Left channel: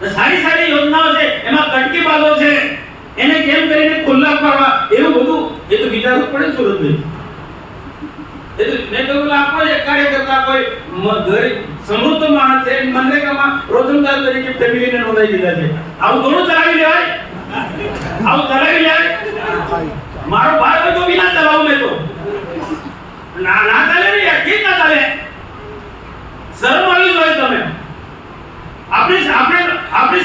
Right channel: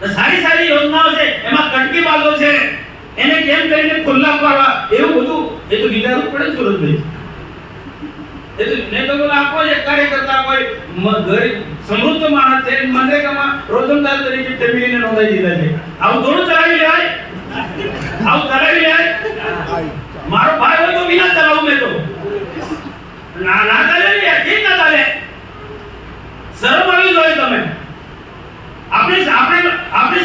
સારી સારી યોજનાઓ છે એમાં કટકી બાલો છે એને કેમ કરીને ખુલ્લા પાડવા એવું બધું એ તો વિચારવું પડે સુરતભાઈ. એ તો ને તો આપો જે કાર્યકર્તા કોઈ ગરીબ સમૃદ્ધ માણસ છે મનરેગામાં રોજંદાર તરીકે ફેમિલીને નોંધાઈ દીધા છે. આવું થોડું ચલાવી લેવાય, આવું ચલાવી લેવાય. મારો ભાઈ હોય તો વિના ચલાવું મેં તો ના ના ચાલે ને યાર, કેમ ના ચાલે? શરમ આવી જોઈએ તમે. આપણી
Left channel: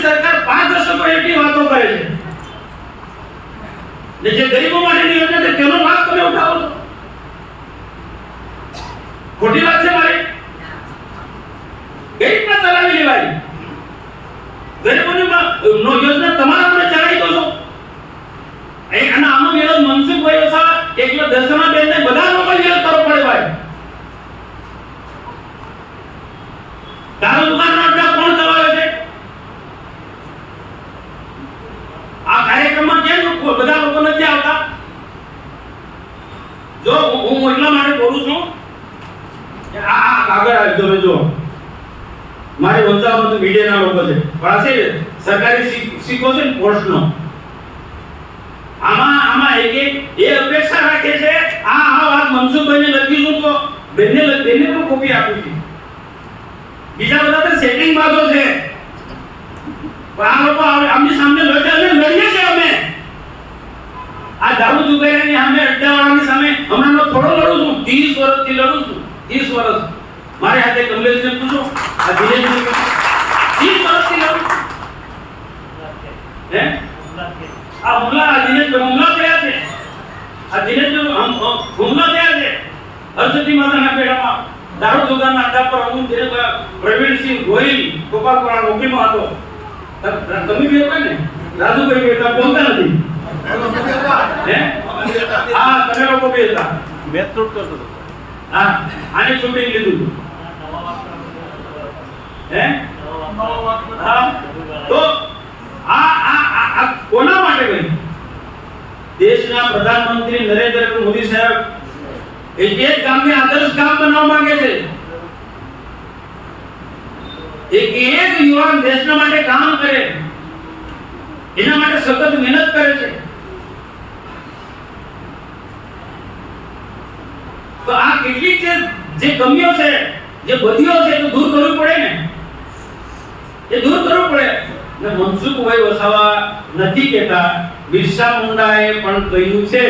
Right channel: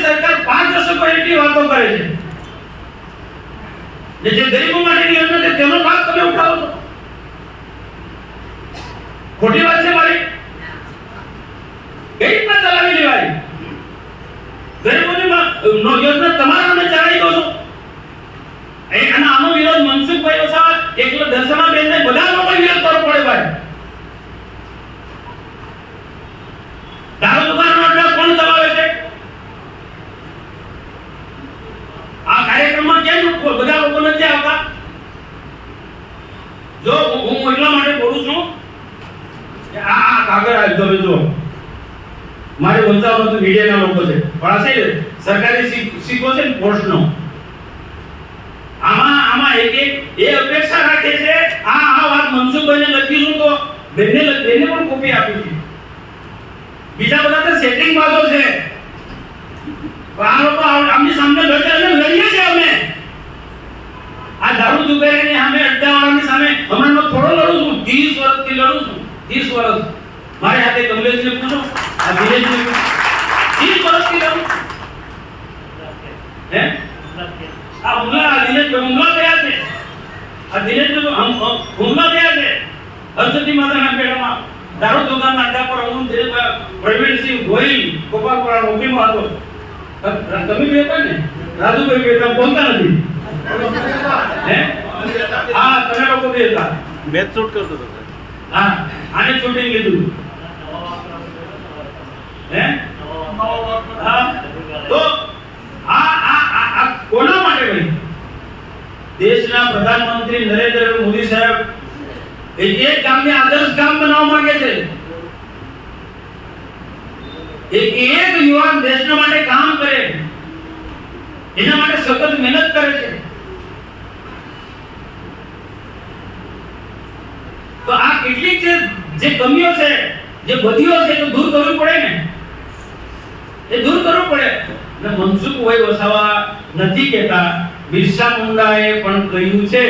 સરકાર 5 વર્ષો પહેલેથી વાતો કરે છે ને જે ગરીબો માટેની યોજના છે તેનો લાભ તમે ઉઠાવો છો. ખોટી વાત છે મારી. કઈ રીતના ચલાવી લેવાય? ગરીબોની યોજના તમારા આપણે ચલાવી દો છો. અને આનો વિરોધ મનસુખભાઈ વસાવા એકલો દર્શનાબેન ને બધા લોકો વિરોધ કરવો પડે ભાઈ. દારૂ દુકાનનો અડ્ડો કોણ ચલાવે છે? આ કાર્યક્રમમાં કેમ બધા લોકો નથી આવતા? જો હું એટલા માટે બોલું છું કે આ કાગળ આ તમે જો મારે વંચાવવાનો તો મીડિયાના લોકો છે પણ આ છે સરકારી સિક્કો છે ને પોસ્ટનો. આમાં એક એ અપેક્ષા રાખે છે આ વાત મનસુખભાઈને લખી તો બેને પણ કોપી આપી છે. બીજા બધા તો સેટિંગ બાજો છે. આ લોકો આમની સામે લડે અને લડીએ છે અમે. આ દારૂ જુગારીની સામે અડ્ડાવાળાની સામે હમણાં થોડો લડું છું, 30 વર્ષથી લડું છું. 30 વર્ષ મારી હાથે કમલેશને પૂછો, આ દિનેશને 30 વર્ષથી લડું. હે આ હુમલા દિનેશ હુમલા થયા છે. આ દિનેશ હુમલા થયા છે. હરસદી માતાના પેડામાં દારૂ દુકાનના અડ્ડા પર હું પ્રવીણસિંહ ગોહિલ ગોપાલપુરા નોકરીમાં હતો. તમે બી હતા ને? રાજુભાઈ બી હતા, બોલતા નથી. હે હા તમે લોકો બી હતા. મેચ શૂટ કરતો હતો. હા આને શૂટિંગ લીધું. હે હા તો આ કોના માટે ભાઈ? દેશના પ્રધાનમંત્રી નરેન્દ્ર મોદી સાહેબ એક ગામને આદર્શ ગામ બનાવવા માંગે છે. એક યુવાન દેશના માટે કામ કરે, એના માટે સતત મહેનત કરે છે. તો આ કેટલીક જે કમીઓ છે, જે બધીઓ છે તો દૂર કરવી પડે ને. એ દૂર કરવું પડે. ને મનસુખભાઈ વસાવા નથી કહેતા, બિરસા મુંડાએ પણ કહ્યું છે.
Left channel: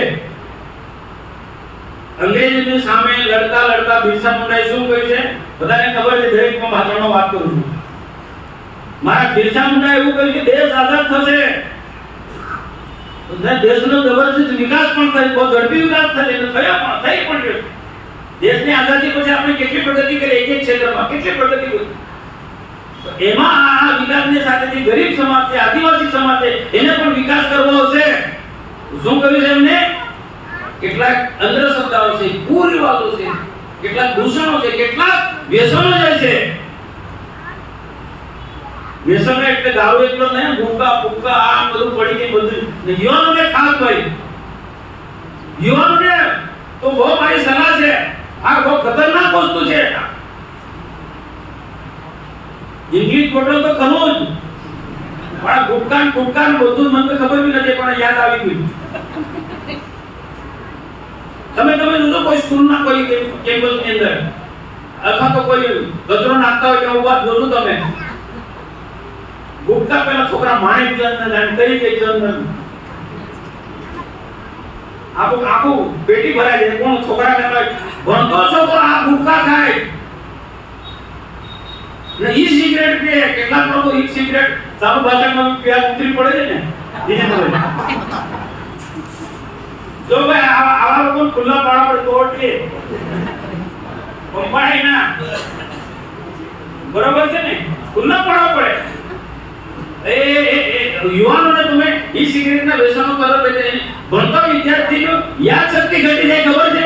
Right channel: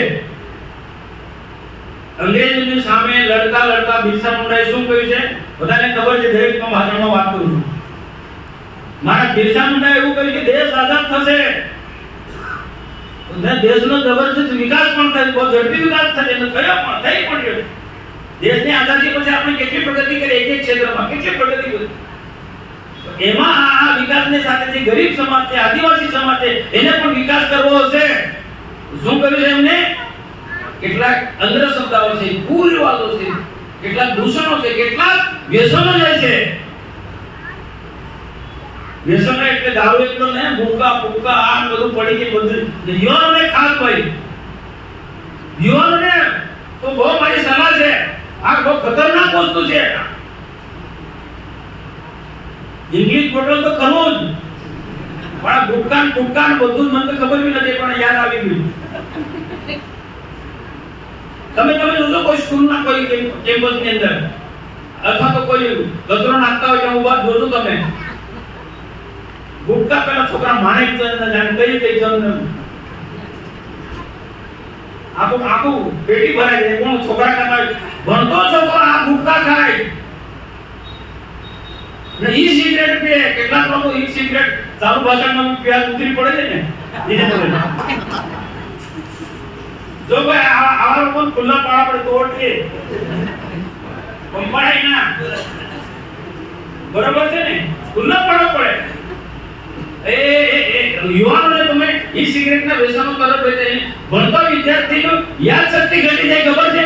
અંગ્રેજોની સામે લડતા લડતા બિરસા મુંડાએ શું કહ્યું છે? બધાને ખબર છે, દરેકમાં ભાષામાં વાત કરું છું. મારા બિરસા મુંડાએ એવું કહ્યું કે દેશ આઝાદ થશે તો દેશનો જબરદસ્ત વિકાસ પણ થશે, બહુ ઝડપી વિકાસ થશે. તો થયો પણ થઈ પણ રહ્યો. દેશની આઝાદી પછી આપણે કેટલી પ્રગતિ કરી, એક એક ક્ષેત્રમાં કેટલી પ્રગતિ કરી. એમાં આ વિકાસની સાથે જે ગરીબ સમાજ છે, આદિવાસી સમાજ છે, એને પણ વિકાસ કરવો હશે. શું કર્યું છે એમને? કેટલાક અંધ્ર શબ્દાઓ છે, કુરિવાજો છે, કેટલાક દૂષણો છે, કેટલાક વ્યસનો જાય છે. વ્યસન એટલે દારૂ એટલો નહીં, ભૂકા ફૂકા આ બધું પડી ગઈ બધું. યુવાનોને ખાસ ભાઈ, યુવાનોને તો બહુ મારી સલાહ છે, આ બહુ ખતરનાક વસ્તુ છે. ઇંગ્લિશ બોલો તો ખરું જ, પણ ગુટકાન બધું મને તો ખબર બી નથી, પણ યાદ આવી ગયું. તમે જોજો કોઈ સ્કૂલના કોઈ કેમ્પસની અંદર અથવા તો કોઈ કચરો નાખતા હોય ત્યાં ઉભા જોજો તમે. ગુટકા પેલા છોકરા માણેક ચંદ ને કઈ ચંદ આખું પેટી ભરાઈ જાય. કોણ છોકરા ખાતા હોય? ભણતો છોકરો આ ગુટકા ખાય ને ઈ સિગરેટ પીએ. કેટલાક લોકો ઈ સિગરેટ ચાલુ ભાષણમાં પ્યાજ ઉતરી પડે છે ને. જો ભાઈ આવા લોકો ખુલ્લા પાડા પડે તો એટલે પંપાય ના, બરાબર છે ને? ખુલ્લા પાડવા પડે. યુવાનોને તમે ઈ સિગરેટના વ્યસનો કરો, ભણતા વિદ્યાર્થીઓ યાદ શક્તિ ઘટી જાય, ખબર છે?